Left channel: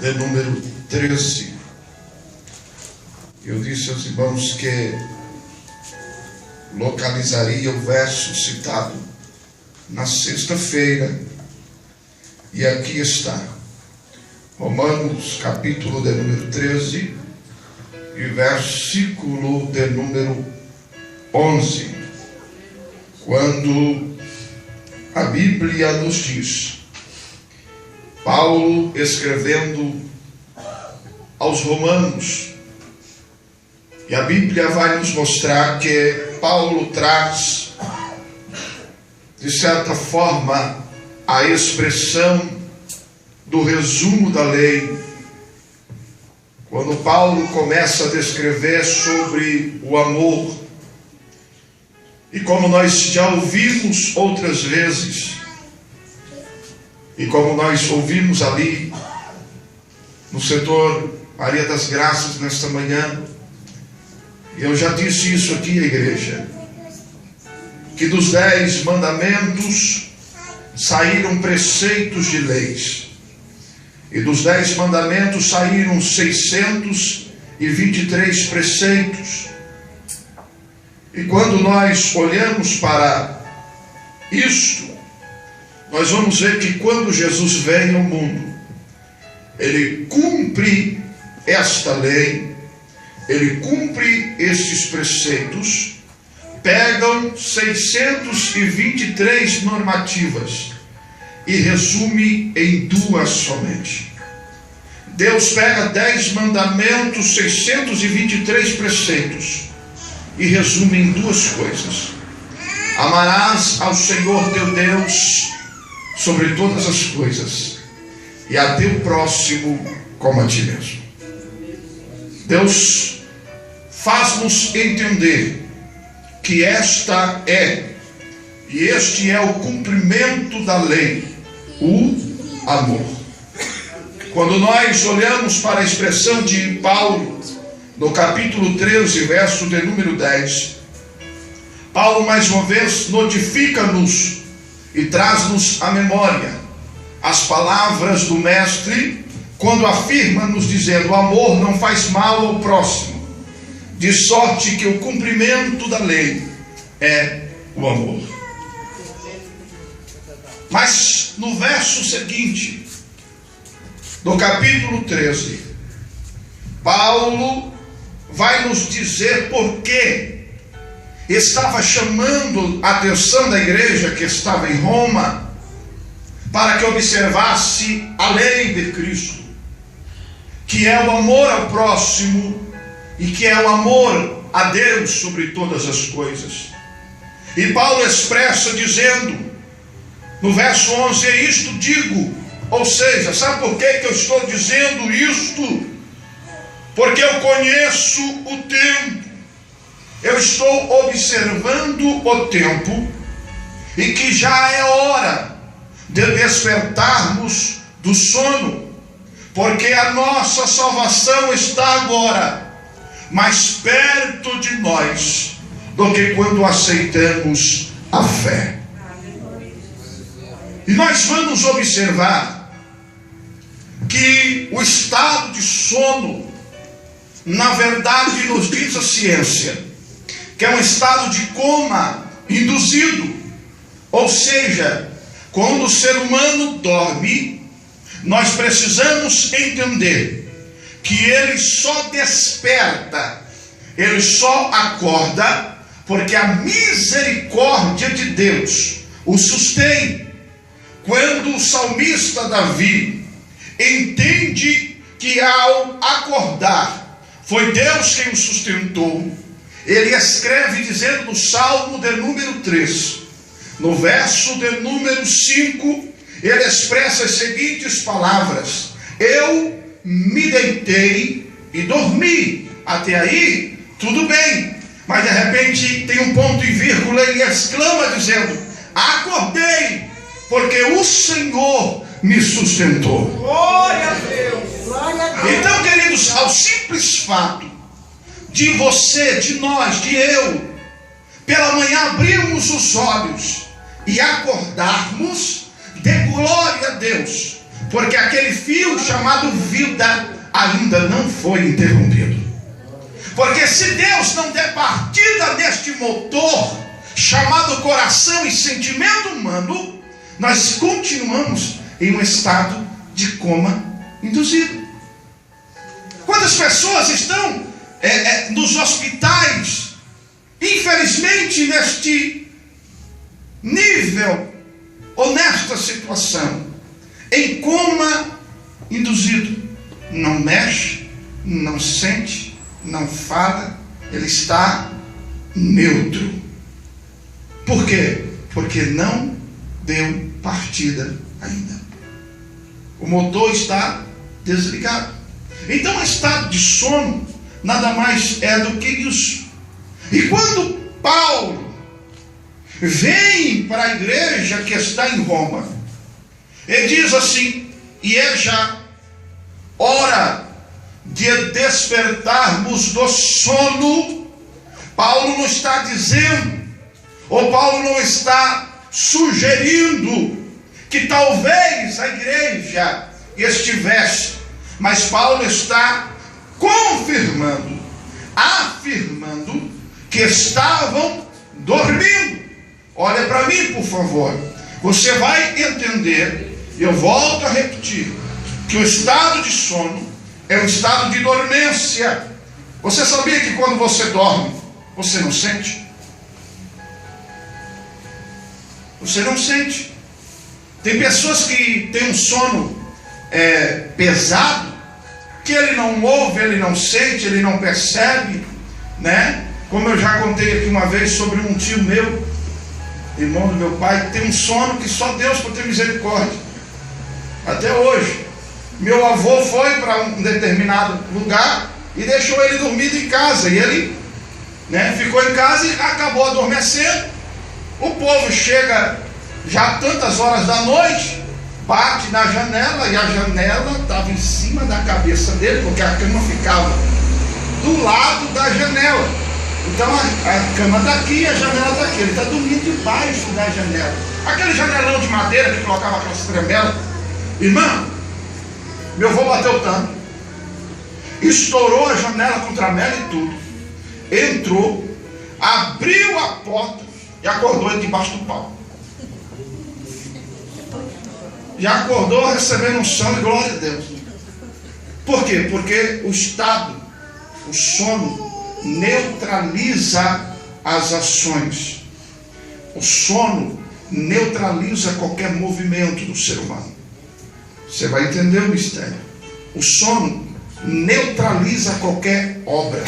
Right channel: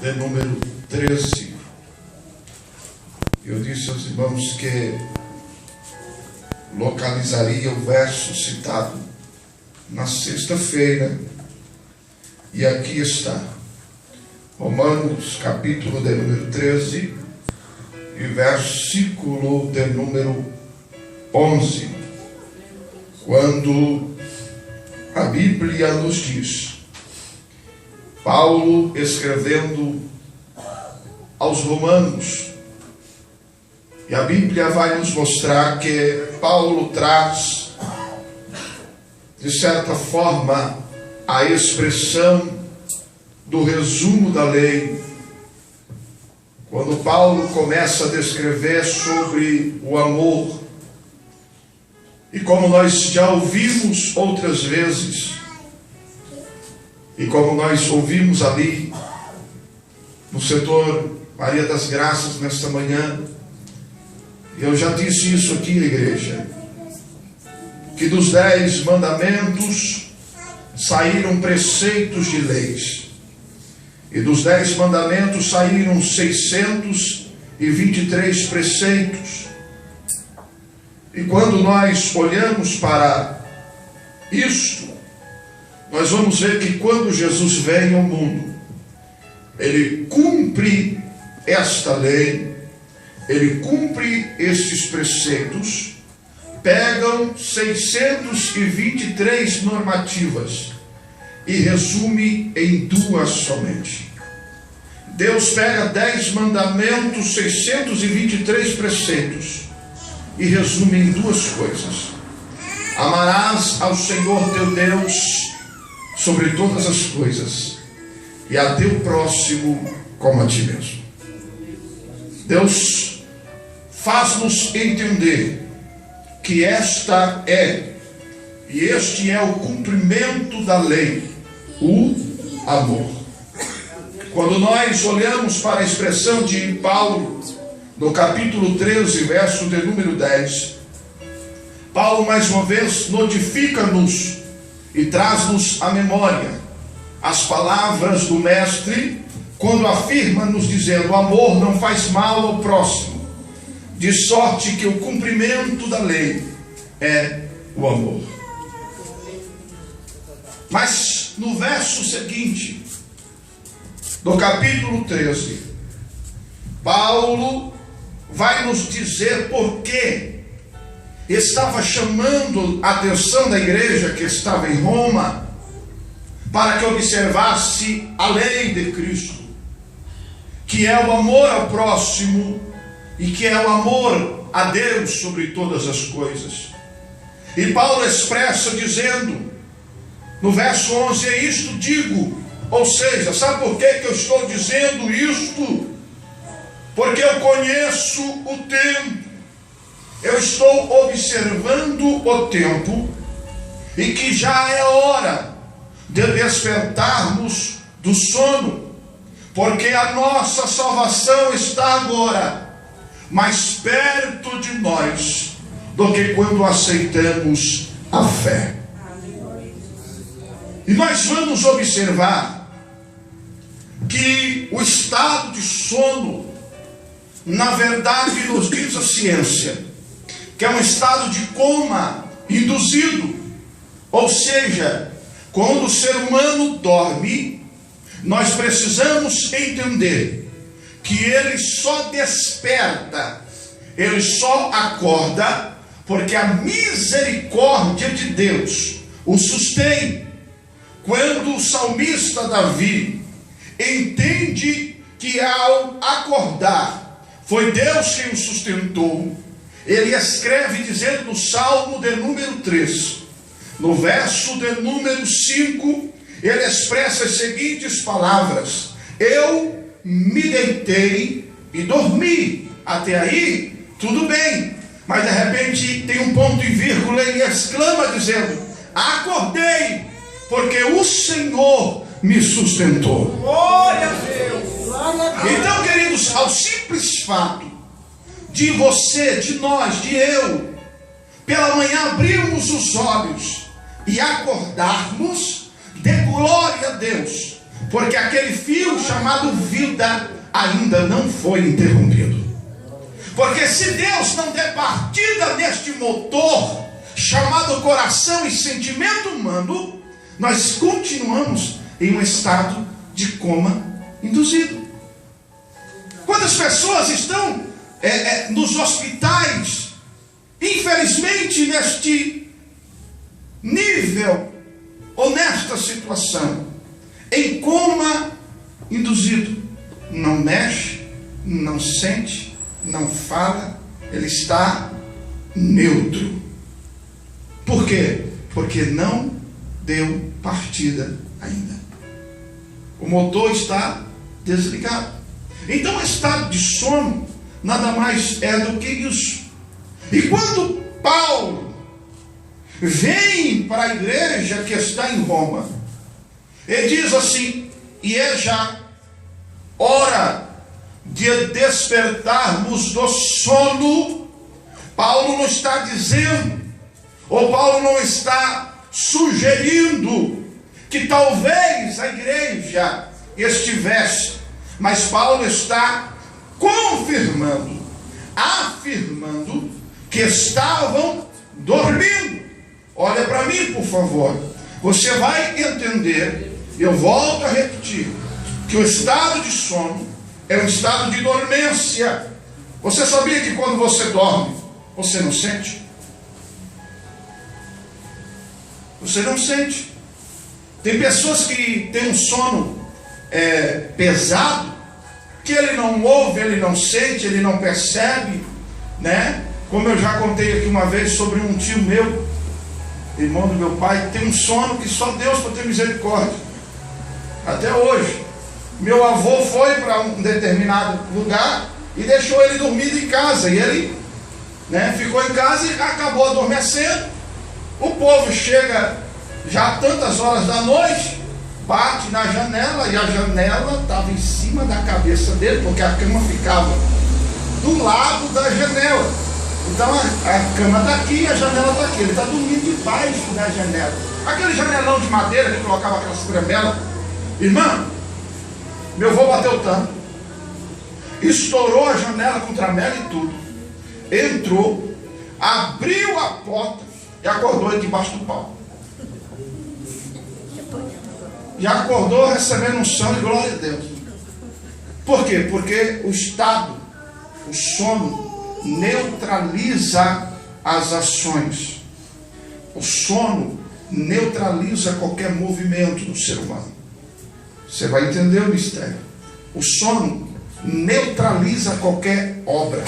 de número 13. Eu disse aos irmãos que localizaria o verso citado na sexta-feira, e aqui está, Romanos capítulo de número 13 e versículo de número 11, quando a Bíblia nos diz, Paulo escrevendo aos Romanos, e a Bíblia vai nos mostrar que Paulo traz, de certa forma, a expressão do resumo da lei. Quando Paulo começa a descrever sobre o amor, e como nós já ouvimos outras vezes, e como nós ouvimos ali no setor Maria das Graças nesta manhã, eu já disse isso aqui à igreja, que dos 10 mandamentos saíram preceitos de leis, e dos 10 mandamentos saíram 623 preceitos. E quando nós olhamos para isto, nós vamos ver que quando Jesus vem ao mundo, ele cumpre esta lei, ele cumpre estes preceitos, pegam 623 normativas e resume em 2 somente. Deus pega 10 mandamentos, 623 preceitos e resume em 2 coisas: amarás ao Senhor teu Deus sobre todas as coisas e a teu próximo como a ti mesmo. Deus faz-nos entender que esta é e este é o cumprimento da lei, o amor. Quando nós olhamos para a expressão de Paulo no capítulo 13, verso de número 10, Paulo mais uma vez notifica-nos e traz-nos à memória as palavras do mestre, quando afirma nos dizendo: o amor não faz mal ao próximo, de sorte que o cumprimento da lei é o amor. Mas no verso seguinte, do capítulo 13, Paulo vai nos dizer por que estava chamando a atenção da igreja que estava em Roma, para que observasse a lei de Cristo, que é o amor ao próximo e que é o amor a Deus sobre todas as coisas. E Paulo expressa dizendo, no verso 11, é isto digo, ou seja, sabe por que eu estou dizendo isto? Porque eu conheço o tempo, eu estou observando o tempo, e que já é hora de despertarmos do sono, porque a nossa salvação está agora mais perto de nós do que quando aceitamos a fé. E nós vamos observar que o estado de sono, na verdade, nos diz a ciência, que é um estado de coma induzido, ou seja, quando o ser humano dorme, nós precisamos entender que ele só desperta, ele só acorda, porque a misericórdia de Deus o sustém. Quando o salmista Davi entende que ao acordar foi Deus quem o sustentou, ele escreve dizendo no Salmo de número 3, no verso de número 5, ele expressa as seguintes palavras: eu me deitei e dormi. Até aí, tudo bem. Mas de repente tem um ponto e vírgula, ele exclama dizendo: acordei, porque o Senhor me sustentou. Glória a Deus. Então, queridos, ao simples fato de você, de nós, de eu, pela manhã abrirmos os olhos e acordarmos, dê glória a Deus, porque aquele fio chamado vida ainda não foi interrompido. Porque se Deus não der partida neste motor chamado coração e sentimento humano, nós continuamos em um estado de coma induzido. Quantas pessoas estão nos hospitais, infelizmente neste nível ou nesta situação, em coma induzido, não mexe, não sente, não fala, ele está neutro. Por quê? Porque não deu partida ainda. O motor está desligado. Então, o estado de sono nada mais é do que isso. E quando Paulo vem para a igreja que está em Roma, ele diz assim: e é já hora de despertarmos do sono. Paulo não está dizendo, ou Paulo não está sugerindo que talvez a igreja estivesse, mas Paulo está confirmando, afirmando que estavam dormindo. Olha para mim, por favor. Você vai entender, eu volto a repetir, que o estado de sono é um estado de dormência. Você sabia que quando você dorme, você não sente? Você não sente. Tem pessoas que têm um sono pesado, que ele não ouve, ele não sente, ele não percebe, né? Como eu já contei aqui uma vez sobre um tio meu, irmão do meu pai, que tem um sono que só Deus pode ter misericórdia. Até hoje. Meu avô foi para um determinado lugar e deixou ele dormindo em casa. E ele, ficou em casa e acabou adormecendo. O povo chega já tantas horas da noite, bate na janela, e a janela estava em cima da cabeça dele, porque a cama ficava do lado da janela. Então a cama está aqui e a janela está aqui. Ele está dormindo debaixo da janela. Aquele janelão de madeira que colocava aquelas tremelas. Irmão, meu avô bateu tanto, estourou a janela com tramela e tudo, entrou, abriu a porta e acordou ele debaixo do pau. Já acordou recebendo unção e glória a Deus. Por quê? Porque o estado, o sono, neutraliza as ações. O sono neutraliza qualquer movimento do ser humano. Você vai entender o mistério. O sono neutraliza qualquer obra,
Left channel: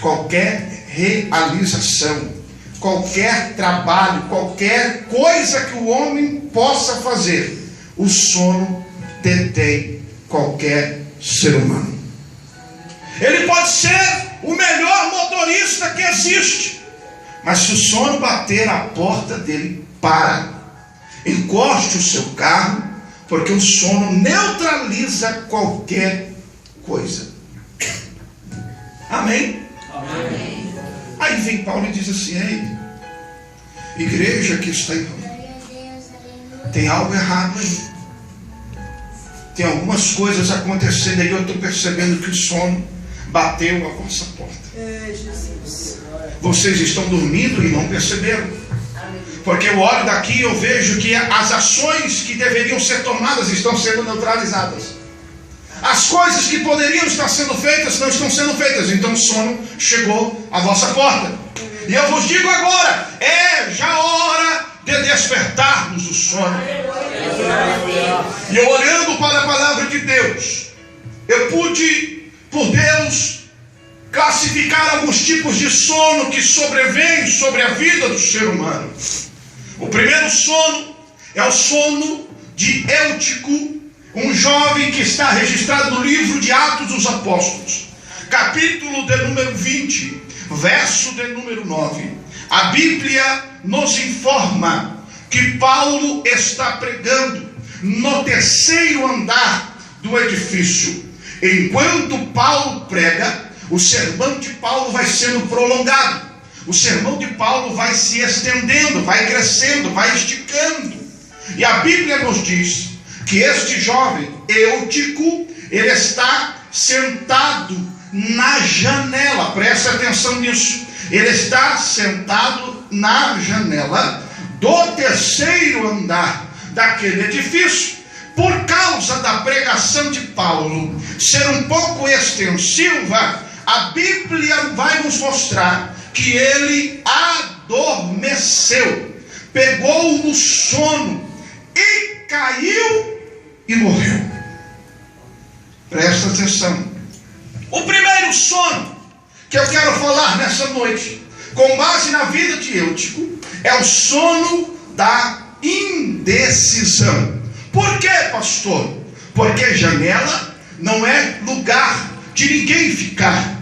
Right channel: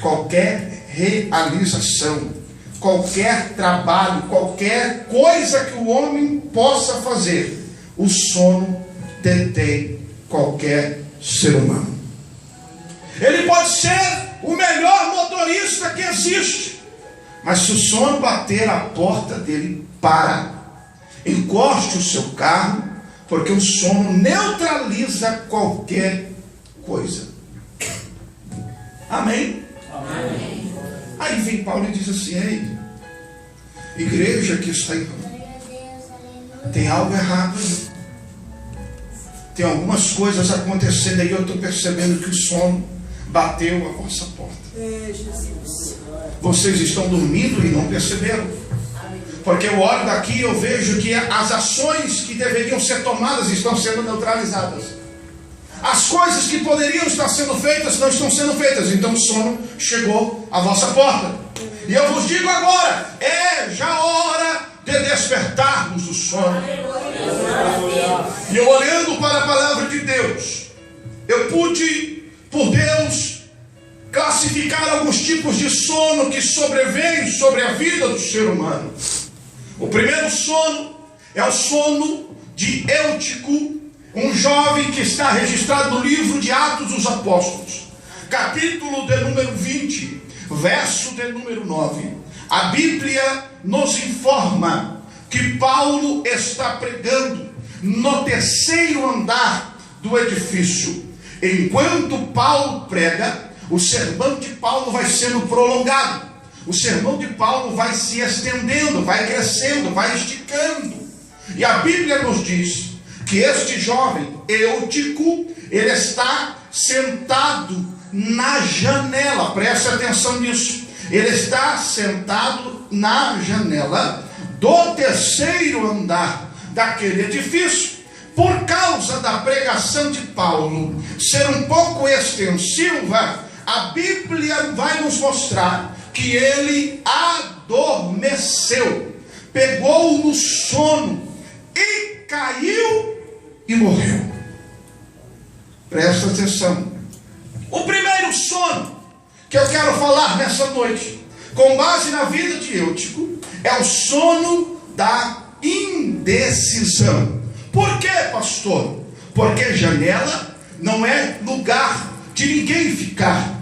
qualquer realização, qualquer trabalho, qualquer coisa que o homem possa fazer. O sono detém qualquer ser humano. Ele pode ser o melhor motorista que existe, mas se o sono bater a porta dele, para, encoste o seu carro, porque o sono neutraliza qualquer coisa. Amém? Amém. Aí vem Paulo e diz assim: ei, igreja que está em Roma, tem algo errado aí. Tem algumas coisas acontecendo aí. Eu estou percebendo que o sono bateu a vossa porta. Vocês estão dormindo e não perceberam. Porque eu olho daqui e eu vejo que as ações que deveriam ser tomadas estão sendo neutralizadas. As coisas que poderiam estar sendo feitas não estão sendo feitas. Então o sono chegou à vossa porta. E eu vos digo agora, é já hora de despertarmos do sono. E eu olhando para a palavra de Deus, eu pude, por Deus, classificar alguns tipos de sono que sobrevêm sobre a vida do ser humano. O primeiro sono é o sono de Eutico, um jovem que está registrado no livro de Atos dos Apóstolos, capítulo de número 20, verso de número 9. A Bíblia nos informa que Paulo está pregando no terceiro andar do edifício. Enquanto Paulo prega, o sermão de Paulo vai sendo prolongado. O sermão de Paulo vai se estendendo, vai crescendo, vai esticando. E a Bíblia nos diz que este jovem Eutico, ele está sentado na janela. Preste atenção nisso. Ele está sentado na janela do terceiro andar daquele edifício. Por causa da pregação de Paulo ser um pouco extensiva, a Bíblia vai nos mostrar que ele adormeceu, pegou no sono e caiu e morreu. Presta atenção. O primeiro sono que eu quero falar nessa noite, com base na vida de Eutico, é o sono da indecisão. Por quê, pastor? Porque janela não é lugar de ninguém ficar,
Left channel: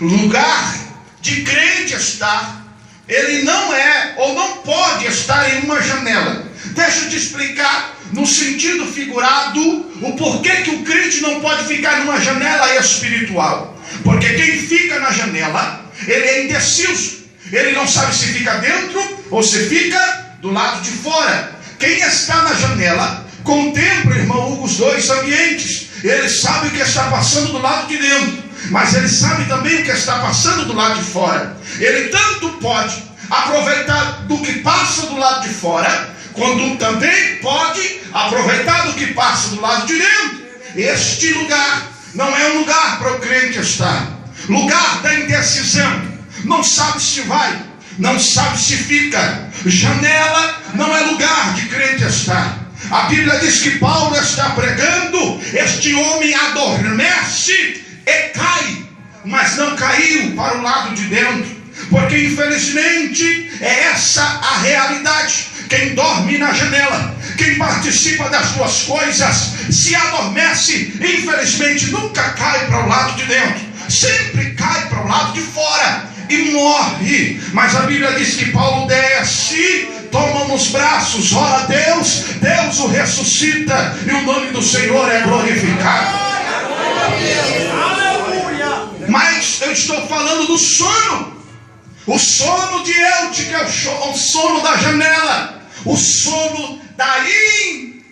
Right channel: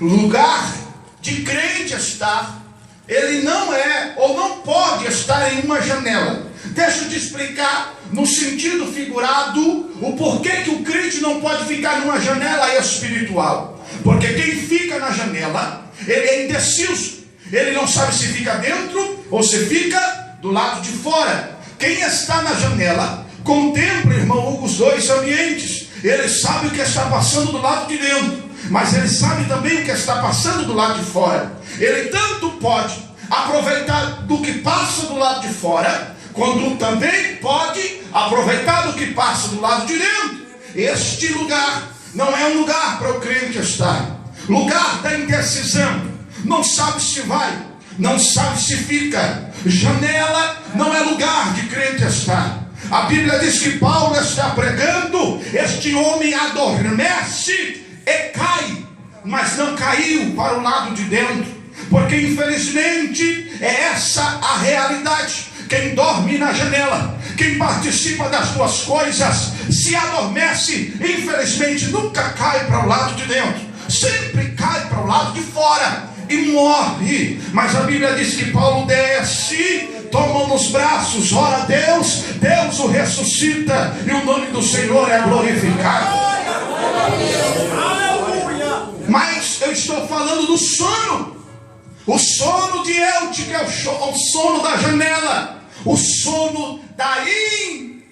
lugar de crente estar. Ele não é ou não pode estar em uma janela. Deixa eu te explicar no sentido figurado o porquê que o crente não pode ficar numa janela espiritual. Porque quem fica na janela, ele é indeciso. Ele não sabe se fica dentro ou se fica do lado de fora. Quem está na janela contempla, irmão Hugo, os dois ambientes. Ele sabe o que está passando do lado de dentro, mas ele sabe também o que está passando do lado de fora. Ele tanto pode aproveitar do que passa do lado de fora, quando também pode aproveitar do que passa do lado de dentro. Este lugar não é um lugar para o crente estar. Lugar da indecisão. Não sabe se vai, não sabe se fica. Janela não é lugar de crente estar. A Bíblia diz que Paulo está pregando, este homem adormece e cai, mas não caiu para o lado de dentro, porque infelizmente é essa a realidade. Quem dorme na janela, quem participa das tuas coisas, se adormece, infelizmente nunca cai para o lado de dentro, sempre cai para o lado de fora e morre. Mas a Bíblia diz que Paulo desce, toma nos braços, ora a Deus, Deus o ressuscita e o nome do Senhor é glorificado. Mas eu estou falando do sono. O sono de Eutico é o sono da janela, o sono da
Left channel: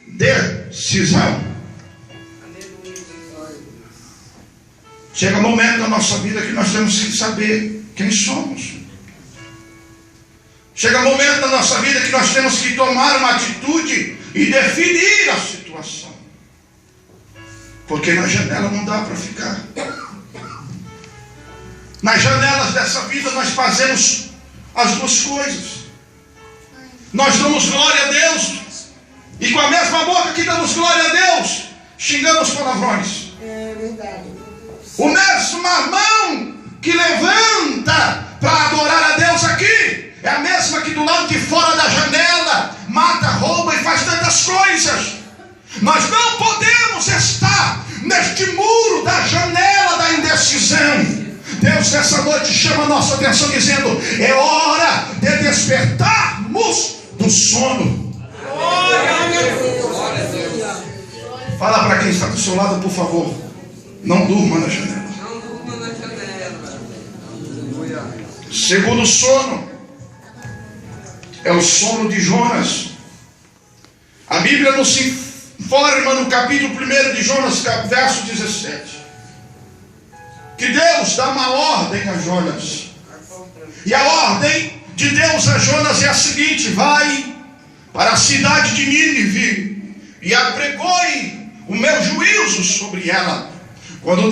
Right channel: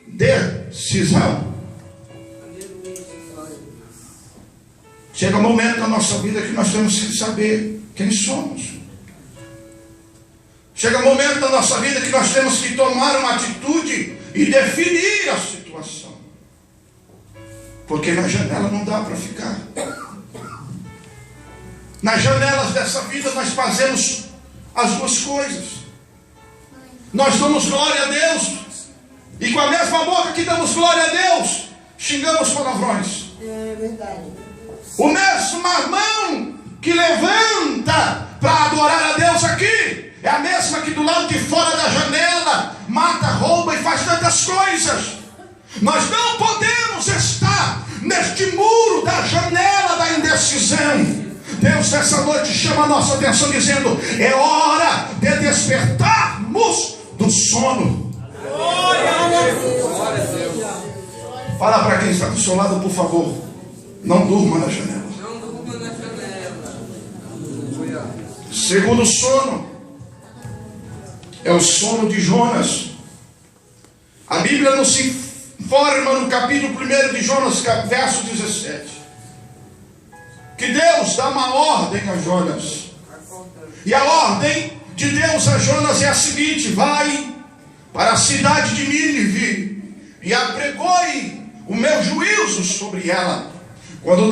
indecisão. Chega um momento na nossa vida que nós temos que saber quem somos. Chega um momento na nossa vida que nós temos que tomar uma atitude e definir a situação. Porque na janela não dá para ficar. Nas janelas dessa vida nós fazemos as duas coisas. Nós damos glória a Deus, e com a mesma boca que damos glória a Deus, xingamos palavrões. É verdade. O mesma mão que levanta para adorar a Deus aqui é a mesma que do lado de fora da janela mata, rouba e faz tantas coisas. Nós não podemos estar neste muro da janela da indecisão. Deus nessa noite chama a nossa atenção dizendo: é hora de despertarmos do sono. Fala para quem está do seu lado, por favor, não durma na janela. Segundo sono é o sono de Jonas. A Bíblia nos informa no capítulo 1 de Jonas, verso 17, que Deus dá uma ordem a Jonas. E a ordem de Deus a Jonas é a seguinte: vai para a cidade de Nínive e apregoe o meu juízo sobre ela. Quando